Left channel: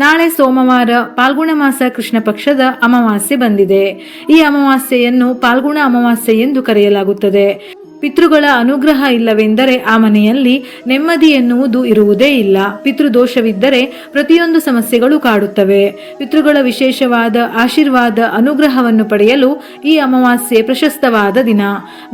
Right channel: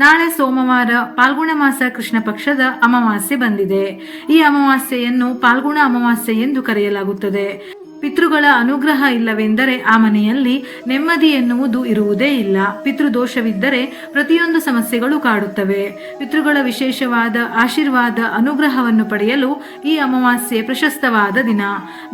ನಾಳೆ ಸೋಮವಾರ ಪಾಲ್ಗುಣ ಮಾಸ ಕೃಷ್ಣ ಪಕ್ಷದ ಅಮಾವಾಸ್ಯೆ ಬಂದಿದೆ. ಈ ಅಮಾವಾಸ್ಯೆಯನ್ನು ಪಾಲ್ಗುಣ ಅಮಾವಾಸ್ಯೆ ಎಂದು ಕರೆಯಲಾಗುತ್ತದೆ. ಪಿತೃಗಳ ಅನುಗ್ರಹ ಇಲ್ಲವೆಂದರೆ ಆ ಮನೆಯಲ್ಲಿ ನೆಮ್ಮದಿ ಎನ್ನುವುದು ಇರುವುದೇ ಇಲ್ಲ. ಪಿತೃದೋಷವಿದ್ದರೆ ಪ್ರತಿಯೊಂದು ಸಮಸ್ಯೆಗಳು ಕಾಡುತ್ತವೆ. ಪಿತೃಗಳ ವಿಶೇಷವಾದ ಆಶೀರ್ವಾದ ಅನುಗ್ರಹವನ್ನು ಪಡೆಯಲು ಈ ಅಮಾವಾಸ್ಯೆ ಪ್ರಶಸ್ತವಾದ ದಿನ.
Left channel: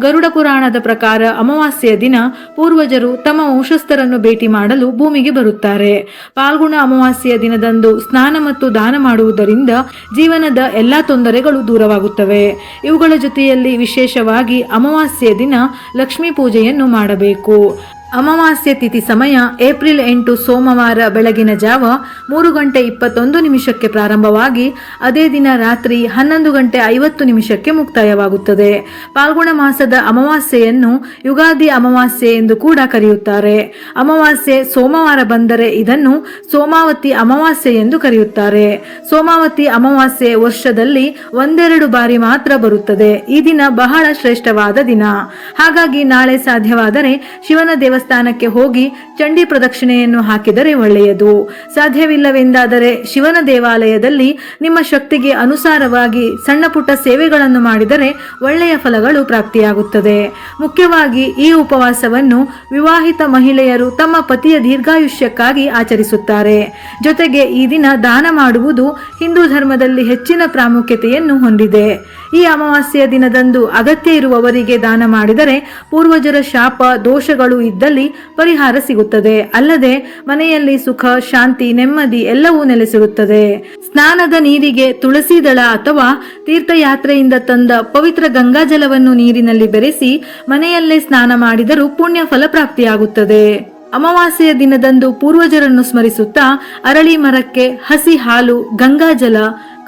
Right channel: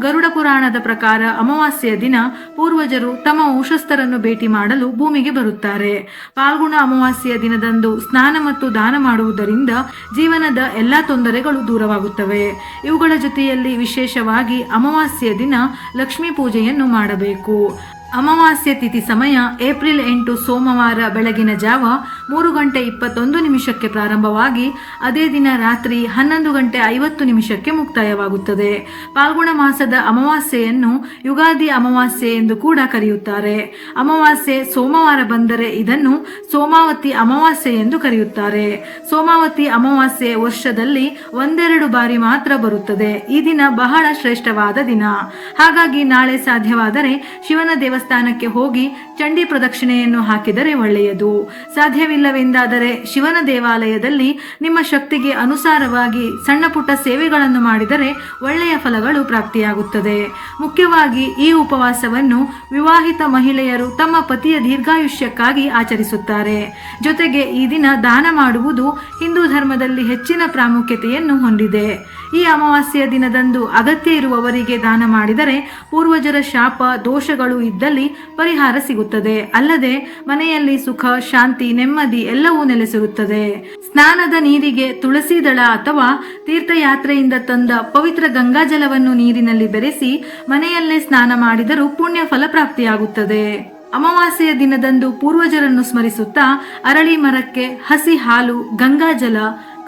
ಗರುಡ ಪುರಾಣದ ಪ್ರಕಾರ ಅಮಾವಾಸ್ಯೆಯ ದಿನ ಪೂರ್ವಜರು ತಮ್ಮ ವಂಶಸ್ಥರನ್ನು ಭೇಟಿ ಮಾಡಲು ಭೂಮಿಗೆ ಬರುತ್ತಾರೆ. ಪಾಲ್ಗುಣ ಅಮಾವಾಸ್ಯೆಯ ದಿನದಂದು ಸ್ನಾನ ಮತ್ತು ದಾನ ಮಾಡುವುದರಿಂದ ಜೀವನದ ಎಲ್ಲಾ ತೊಂದರೆಗಳು ದೂರವಾಗುತ್ತವೆ. ಇವುಗಳ ಜೊತೆಯಲ್ಲಿ ವಿಶೇಷವಾಗಿ ಅಮಾವಾಸ್ಯೆಯ ದಿನ ಲಕ್ಷ್ಮೀ ಪೂಜೆಯನ್ನು ಮಾಡಬೇಕು. ಅಮಾವಾಸ್ಯೆ ತಿಥಿ ಸಮಯ ಏಪ್ರಿಲ್ 8 ಸೋಮವಾರ ಬೆಳಗಿನ ಜಾವ 3:21 ಪ್ರಾರಂಭವಾಗಿ ಅದೇ ದಿನ ರಾತ್ರಿ 11:50 ಮುಕ್ತಾಯವಾಗುತ್ತದೆ. ಪಾಲ್ಗುಣ ಮಾಸದ ಅಮಾವಾಸ್ಯೆಯನ್ನು ಯುಗಾದಿ ಅಮಾವಾಸ್ಯೆ ಎಂದು ಕೂಡ ಕರೆಯುತ್ತಾರೆ. ಅಮಾವಾಸ್ಯೆ ಸೋಮವಾರ ಬಂದರೆ ಇದನ್ನು ಸೋಮಾವತಿ ಅಮಾವಾಸ್ಯೆ ಎಂದು ಕರೆಯುತ್ತಾರೆ. ಸೋಮಾವತಿ ಅಮಾವಾಸ್ಯೆ ವರ್ಷದಲ್ಲಿ ಒಂದೆರಡು ಬಾರಿ ಮಾತ್ರ ಬರುತ್ತದೆ. ಈ ದಿನ ಬಹಳ ಶ್ರೇಷ್ಠವಾದ ದಿನ. ಹಾಗಾಗಿ ನಾಳೆ ಸಾಧ್ಯವಾದರೆ ಶಿವನ ದೇವಸ್ಥಾನಕ್ಕೆ ಹೋಗಿ ಚಂಡಿ ಪ್ರದಕ್ಷಿಣೆಯನ್ನು ಹಾಕಿದರೆ ಒಳ್ಳೆಯದು. ಸಾಧ್ಯವಿಲ್ಲವೆಂದಾದರೆ ಶಿವನ ದೇವಾಲಯದಲ್ಲಿ ನಿಮ್ಮ ಶಕ್ತಿಗೆ ಅನುಸಾರವಾಗಿ ಸಣ್ಣ ಪುಟ್ಟ ಸೇವೆಗಳನ್ನು ಮಾಡಿದರೆ ಒಳ್ಳೆಯ ಫಲಗಳು ಪ್ರಾಪ್ತಿಯಾಗುತ್ತದೆ. ಮುಖ್ಯವಾಗಿ ಈ ಉಪವಾಸವನ್ನು ವಿವಾಹಿತ ಮಹಿಳೆಯರು ತಮ್ಮ ಪತಿಯ ದೀರ್ಘಾಯುಷ್ಯಕ್ಕಾಗಿ ಆಚರಿಸುತ್ತಾರೆ. ಜೊತೆಗೆ ಈ ದಿನ ದಾನ ಮಾಡುವುದು ಹಿಂದೂ ಧರ್ಮದಲ್ಲಿ ಹೆಚ್ಚಿನ ಪ್ರಾಮುಖ್ಯತೆಯನ್ನು ಹೊಂದಿದೆ. ಈ ಅಮಾವಾಸ್ಯೆಯ ದಿನದಂದು ಅಗತ್ಯ ಇರುವವರಿಗೆ ದಾನ ಮಾಡಿದರೆ ಪೂರ್ವಜರ ಶಾಪ ದೋಷಗಳು ಇದ್ದಲ್ಲಿ ಪರಿಹಾರ ಸಿಗುತ್ತದೆ. ಅಲ್ಲದೆ ಮನೆಯಲ್ಲಿ ಸುಖ ಶಾಂತಿ ನೆಮ್ಮದಿ ಎಲ್ಲವೂ ನೆಲೆಸಿರುತ್ತದೆ. ಸ್ನಾನದ ನೀರಿಗೆ ತುಳಸಿ ದಳ ಅಥವಾ ತೀರ್ಥಯಾತ್ರೆಯಿಂದ ತಂದ ಪವಿತ್ರ ಗಂಗಾಜಲವನ್ನು ನೀರಿನಲ್ಲಿ ಬೆರೆಸಿ ಮನೆಯಲ್ಲೇ ಸ್ನಾನ ಮಾಡಿದರೂ ಪುಣ್ಯ ಫಲ ಪ್ರಾಪ್ತಿಯಾಗುತ್ತದೆ. ಅಮಾವಾಸ್ಯೆಯ ದಿನದಂದು ಪೂರ್ವಜರನ್ನು ಸ್ಮರಿಸುತ್ತಾ ಅರಳಿ ಮರಕ್ಕೆ ಹಸಿ ಹಾಲು, ಗಂಗಾಜಲ,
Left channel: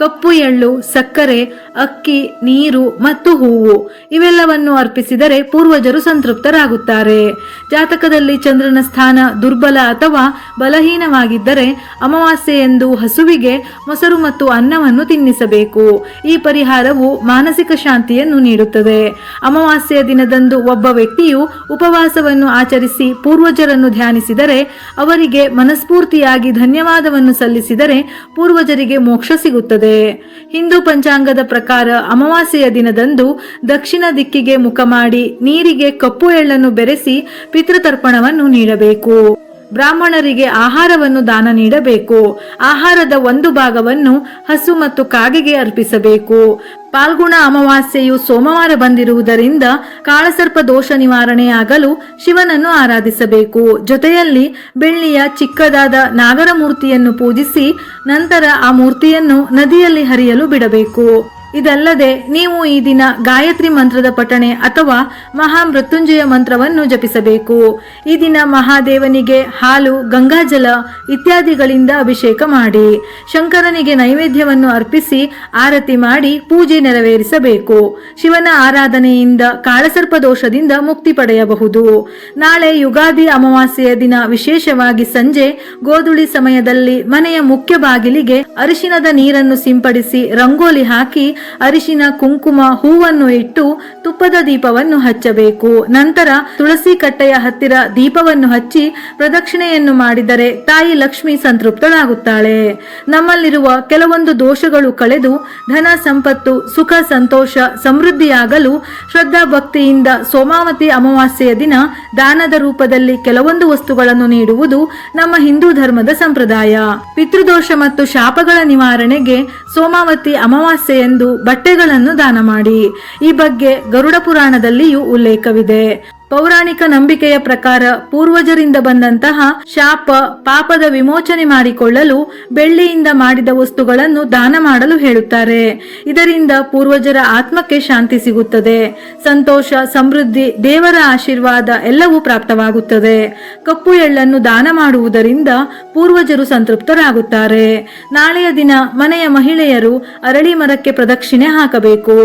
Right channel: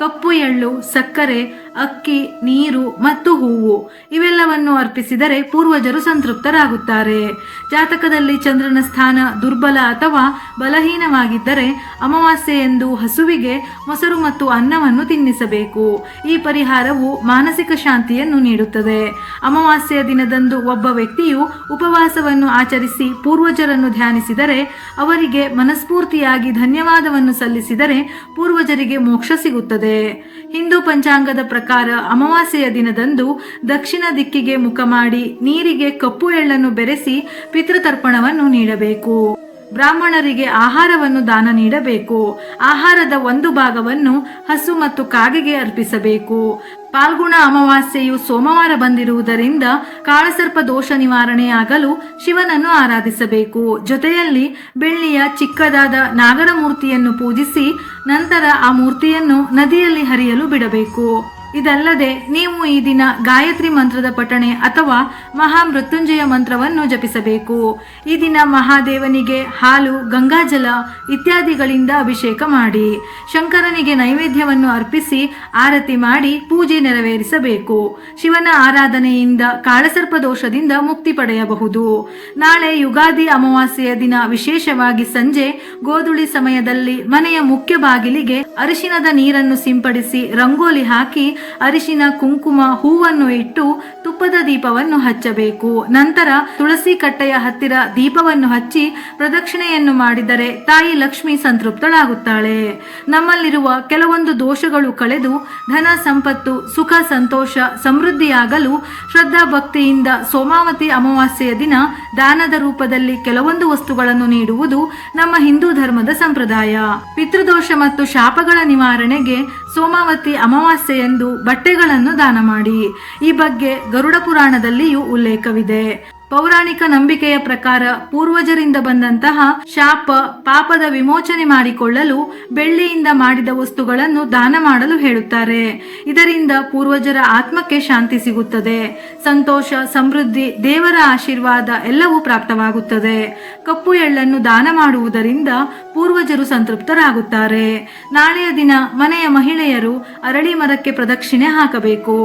ಕಪ್ಪು ಎಳ್ಳು, ಸಕ್ಕರೆ, ಅಕ್ಕಿ, ನೀರು ಮತ್ತು ಹೂವು ಇವೆಲ್ಲವನ್ನು ಅರ್ಪಿಸಿದರೆ ಪೂರ್ವಜರು ಸಂತೃಪ್ತರಾಗುತ್ತಾರೆ. ಜಾತಕದಲ್ಲಿ ಚಂದ್ರನ ಸ್ಥಾನ ದುರ್ಬಲ ಅಥವಾ ಬಲಹೀನವಾಗಿದ್ದರೆ ಅಮಾವಾಸ್ಯೆಯಂದು ಹಸುವಿಗೆ ಮೊಸರು ಮತ್ತು ಅನ್ನವನ್ನು ತಿನ್ನಿಸಬೇಕು. ಈ ಪರಿಹಾರವು ಮಾನಸಿಕ ಶಾಂತಿಯನ್ನು ನೀಡುತ್ತದೆ. ಅಮಾವಾಸ್ಯೆಯ ದಿನದಂದು ಒಬ್ಬ ವ್ಯಕ್ತಿಯು ಉಪವಾಸವನ್ನು ಆಚರಿಸಿ ಪೂರ್ವಜರನ್ನು ಧ್ಯಾನಿಸಿದರೆ, ಅವರಿಗೆ ಮನಸ್ಫೂರ್ತಿಯಾಗಿ ಧನ್ಯವಾದವನ್ನು ಸಲ್ಲಿಸಿದರೆ ಪೂರ್ವಜರಿಗೆ ಮೋಕ್ಷ ಸಿಗುತ್ತದೆ. ಹಿಂದೂ ಪಂಚಾಂಗದ ಪ್ರಕಾರ ಅಮಾವಾಸ್ಯೆಯ ದಿನದಂದು ದಕ್ಷಿಣ ದಿಕ್ಕಿಗೆ ಮುಖ ಮಾಡಿ ನೀರಿಗೆ ಕಪ್ಪು ಎಳ್ಳನ್ನು ಬೆರೆಸಿ ಪಿತೃತರ್ಪಣವನ್ನು ನೀಡಬೇಕು. ಬ್ರಾಹ್ಮಣರಿಗೆ ಆಹಾರವನ್ನು ದಾನ ನೀಡಬೇಕು. ಆಹಾರದ ಒಂದು ಭಾಗವನ್ನು ಹಸು ಮತ್ತು ಕಾಗೆಗೆ ಅರ್ಪಿಸಬೇಕು. ಪಾಲ್ಗುಣ ಅಮಾವಾಸ್ಯೆಯು ಸೋಮವಾರ ಬಂದಿರುವುದರಿಂದ ಕಾಳಸರ್ಪ ದೋಷ ನಿವಾರಣೆಯಾಗಲು ಶಿವನನ್ನು ಆರಾಧಿಸಬೇಕು. ಜೊತೆಯಲ್ಲಿ ಬೆಳ್ಳಿಯ ಚಿಕ್ಕದಾದ ನಾಗರ ಮೂರ್ತಿಯನ್ನು ಪೂಜಿಸಿ ನಂತರ ಆ ಮೂರ್ತಿಯನ್ನು ನದಿಯಲ್ಲಿ ಹರಿಯಲು ಬಿಡಬೇಕು. ಇದಲ್ಲದೆ ನೀವು ಈ ದಿನ ಗಾಯತ್ರಿ ಮಂತ್ರದ ಪಠಣೆ ಅಥವಾ ಮಹಾಮೃತ್ಯುಂಜಯ ಮಂತ್ರವನ್ನು ಜಪಿಸಬೇಕು. ಈ ದಿನ ಮಹಾದೇವನಿಗೆ ಹಾಲು, ಗಂಗಾಜಲ ಇತ್ಯಾದಿಗಳಿಂದ ಅಭಿಷೇಕ ಮಾಡಿ ಶಂಕರನಿಗೆ ನೈವೇದ್ಯವನ್ನು ಅರ್ಪಿಸಿ ಆರತಿ ಮಾಡಿ ಪೂಜೆ ನೆರವೇರಿಸಬೇಕು. ಶಿವನ ಆರಾಧನೆಯಿಂದ ಕಾಳಸರ್ಪ ದೋಷದಿಂದ ಮುಕ್ತಿ ಪಡೆಯಬಹುದು. ನಾಳೆ ಯುಗಾದಿ ಅಮಾವಾಸ್ಯೆಯ ದಿನ ವಿಶೇಷವಾಗಿ ಸಂಜೆ ಗೋಧುಳಿ ಸಮಯದಲ್ಲಿ ಮನೆಯ ಮುಖ್ಯ ಬಾಗಿಲಿಗೆ ಅರಿಶಿನದ ನೀರನ್ನು ಸಿಂಪಡಿಸಿ ರಂಗೋಲಿ ಹಾಕಿ ಅರಿಶಿನ, ಕುಂಕುಮ, ಹೂವನ್ನು ಇಟ್ಟು ತುಪ್ಪದ ದೀಪವನ್ನು ಹಚ್ಚಬೇಕು. ನಂತರ ತುಳಸಿ ಕಟ್ಟೆಯ ಹತ್ತಿರ ದೀಪವನ್ನು ಹಚ್ಚಿ ಪ್ರದಕ್ಷಿಣೆಯನ್ನು ಮಾಡಿದರೆ ತಾಯಿ ಲಕ್ಷ್ಮಿ ಸಂತೃಪ್ತಳಾಗುತ್ತಾಳೆ. ನಮ್ಮಲ್ಲಿರುವ ಕೆಲವೊಂದು ದೋಷಗಳು ಕಳೆದು ಧನ ಸಂಪತ್ತು, ಸುಖ ಸಂತೋಷ, ಸಮೃದ್ಧಿಯಾಗಲು ಶ್ರದ್ಧಾ ಭಕ್ತಿಯಿಂದ ಸೋಮಾವತಿ ಅಮಾವಾಸ್ಯೆಯ ದಿನ ದಾನದ ರೂಪದಲ್ಲಿ ಕೆಲವೊಂದು ವಸ್ತುಗಳನ್ನು ನೀಡುವುದು ನಮ್ಮ ಹಿಂದೂ ಧರ್ಮದ ಸಂಪ್ರದಾಯ. ಪಿತೃದೋಷ ಮತ್ತು ಶಾಪಗಳ ನಿವಾರಣೆಗೆ ಸೋಮಾವತಿ ಅಮಾವಾಸ್ಯೆಯಂದು ಬಟ್ಟೆಗಳನ್ನು ದಾನ ಮಾಡಿ. ಈ ಬಗ್ಗೆ ಗರುಡ ಪುರಾಣದಲ್ಲಿಯೂ ಉಲ್ಲೇಖವಿದೆ. ಪೌರಾಣಿಕ ನಂಬಿಕೆಯ ಪ್ರಕಾರ ಪೂರ್ವಜರಿಂದ ಬಂದಂತಹ ಶಾಪ ಪಾಪದ ವಿಮೋಚನೆ ಮಾಡಿಕೊಳ್ಳಲು ಬೆಳ್ಳಿಯಿಂದ ಮಾಡಿದ ವಸ್ತುಗಳನ್ನು ದಾನ ಮಾಡಲು ಹೇಳುತ್ತಾರೆ. ಇದರಿಂದ ಪೂರ್ವಜರ ಆತ್ಮಕ್ಕೆ ಶಾಂತಿ ಸಿಗುತ್ತದೆ. ಸಂತೋಷ, ಸಮೃದ್ಧಿ, ದೇವರ ಆಶೀರ್ವಾದ ಎಲ್ಲವೂ ಪ್ರಾಪ್ತವಾಗುತ್ತದೆ. ಕಪ್ಪು ಎಳ್ಳನ್ನು ದಾನ ಮಾಡುವುದರಿಂದ ಪೂರ್ವಜರು ಸಂತೃಪ್ತರಾಗುತ್ತಾರೆ. ನಾಳೆಯ ದಿನ ಮನೆಯ ಮಹಿಳೆಯರು ಅರಳಿ ಮರಕ್ಕೆ ಪ್ರದಕ್ಷಿಣೆ ಹಾಕಬೇಕು.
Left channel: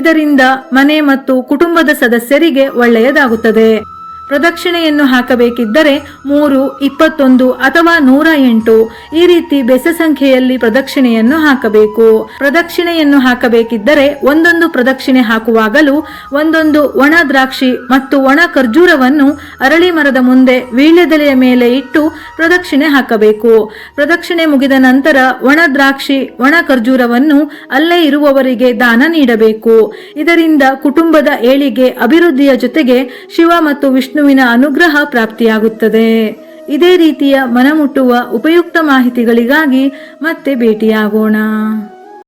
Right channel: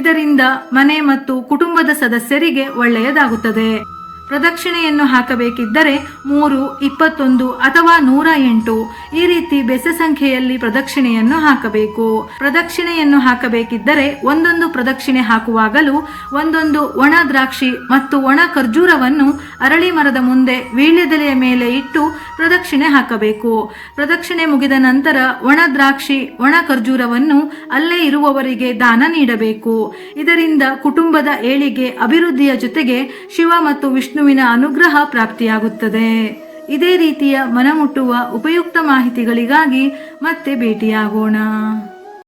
ಇದರಿಂದ ಮನೆ ಮತ್ತು ಕುಟುಂಬದ ಸದಸ್ಯರಿಗೆ ಒಳ್ಳೆಯದಾಗುತ್ತದೆ. ಪ್ರದಕ್ಷಿಣೆಯನ್ನು ಹಾಕಬೇಕಿದ್ದರೆ 3, 21 ಅಥವಾ 108 ಈ ರೀತಿ ಬೆಸ ಸಂಖ್ಯೆಯಲ್ಲಿ ಪ್ರದಕ್ಷಿಣೆಯನ್ನು ಹಾಕಬೇಕು. ಪ್ರದಕ್ಷಿಣೆಯನ್ನು ಹಾಕಬೇಕಿದ್ದರೆ ಒಂದೊಂದು ಪ್ರದಕ್ಷಿಣೆ ಹಾಕುವಾಗಲೂ ಒಂದೊಂದು ಒಣ ದ್ರಾಕ್ಷಿ ಮತ್ತು ಒಣ ಖರ್ಜೂರವನ್ನು ಅರಳಿ ಮರದ ಮುಂದೆ ವೀಳ್ಯದೆಲೆಯ ಮೇಲೆ ಇಟ್ಟು ಪ್ರದಕ್ಷಿಣೆ ಹಾಕಬೇಕು. ಪ್ರದಕ್ಷಿಣೆ ಮುಗಿದ ನಂತರ ಒಣ ದ್ರಾಕ್ಷಿ, ಒಣ ಖರ್ಜೂರವನ್ನು ಅಲ್ಲೇ ಇರುವವರಿಗೆ ದಾನ ನೀಡಬೇಕು. ಇದರಿಂದ ಕುಟುಂಬದ ಏಳಿಗೆ, ಅಭಿವೃದ್ಧಿಯ ಜೊತೆಗೆ ಶಿವ ಮತ್ತು ವಿಷ್ಣುವಿನ ಅನುಗ್ರಹ ಪ್ರಾಪ್ತಿಯಾಗುತ್ತದೆ. ಇದೇ ರೀತಿಯ ಮನಮುಟ್ಟುವ ಉಪಯುಕ್ತ ಮಾಹಿತಿಗಳಿಗಾಗಿ ಮತ್ತೆ ಭೇಟಿಯಾಗೋಣ.